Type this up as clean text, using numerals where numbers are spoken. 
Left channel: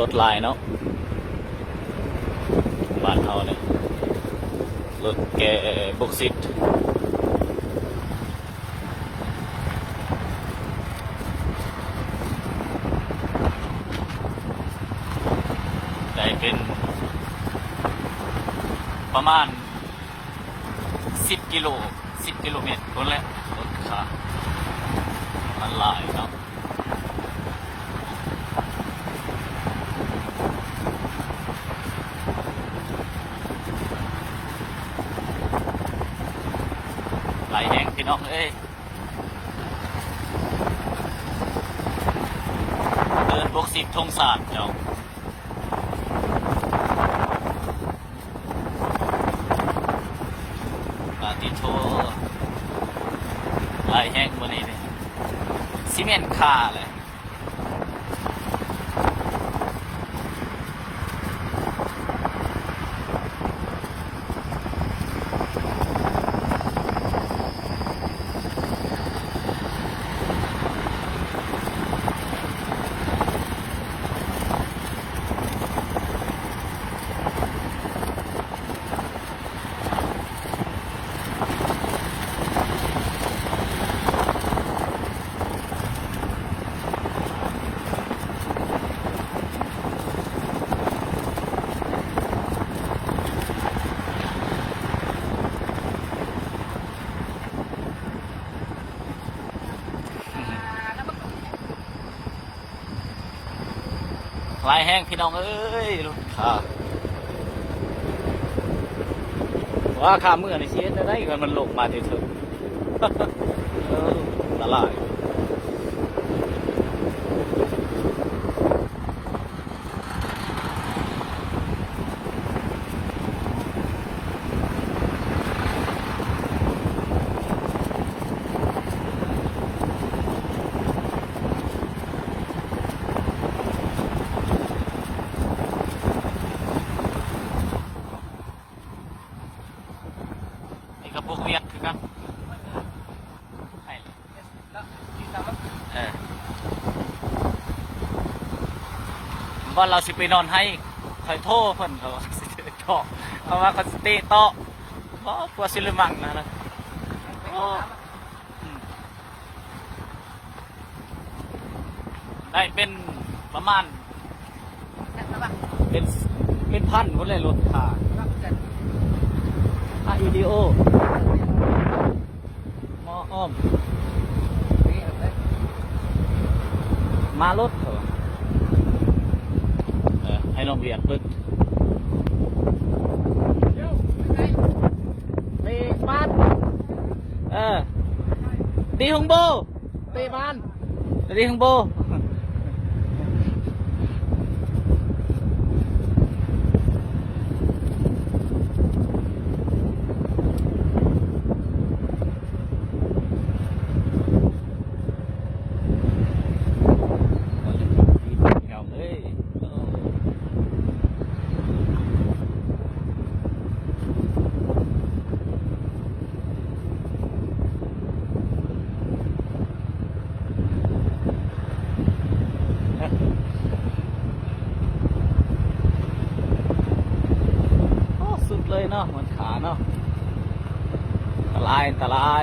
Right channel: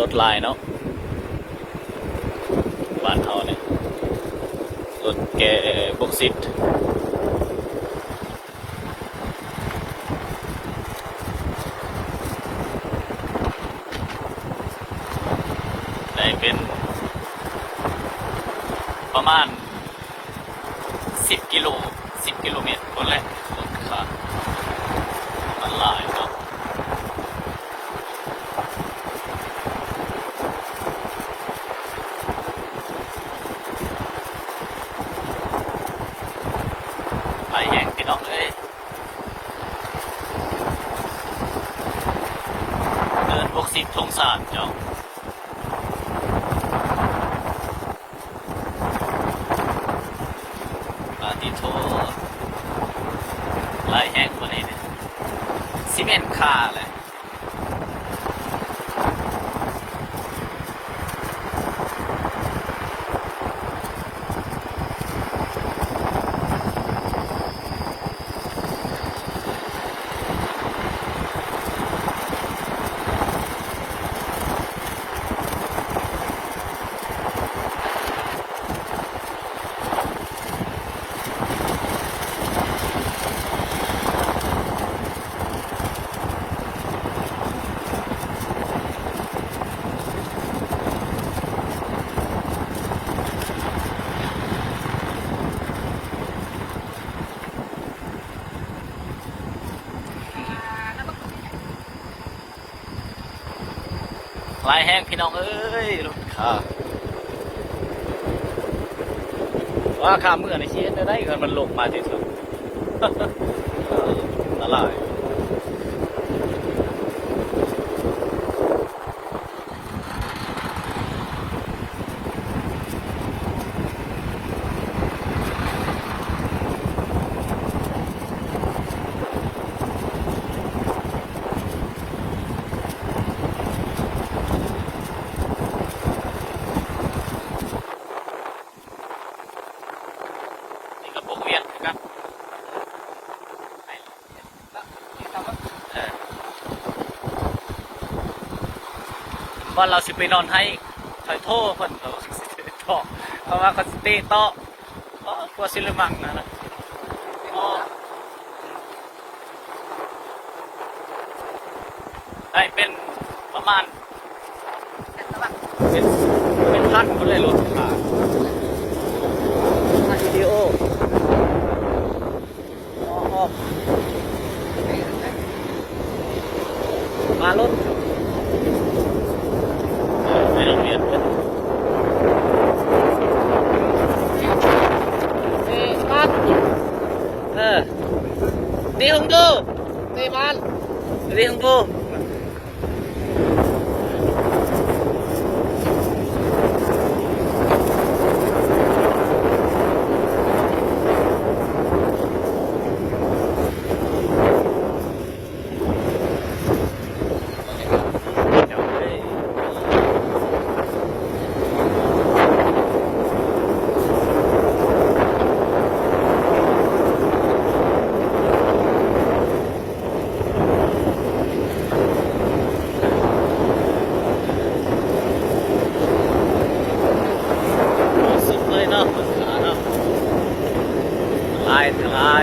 รถลายเนาะบ้านเขาเนี่ยรถแกบกซิตได้เป็นประมาณ10 กิโล 10 กิโลเมตรคนแหละรถขามันลายเนาะลายแยงพี่น้องเอ้ยเดินบกซิตทงสารเจ้าปาติโทลายแห้งกว่านี้เนี่ยซีเมนต์คาแหละลายแห้งพี่น้องเอ้ยรถขาว่าขาเมื่อในชีวิตได้กันมันลงมาที่สุดละลายกับพวกเวียดครับว่าเราสิไปนอนให้คอยโทษเพิ่นเขาเพราะว่าเขาสเตย์โต๊ะก็กลัวซิลิมังนะได้เป็นประมาณเป็นพันคนเลยรถขาพันวิดีโออ้อมมารถในโรงเรียนเพื่อนมันดีของโบตีมันดีของโบเนาะขาเนาะลาย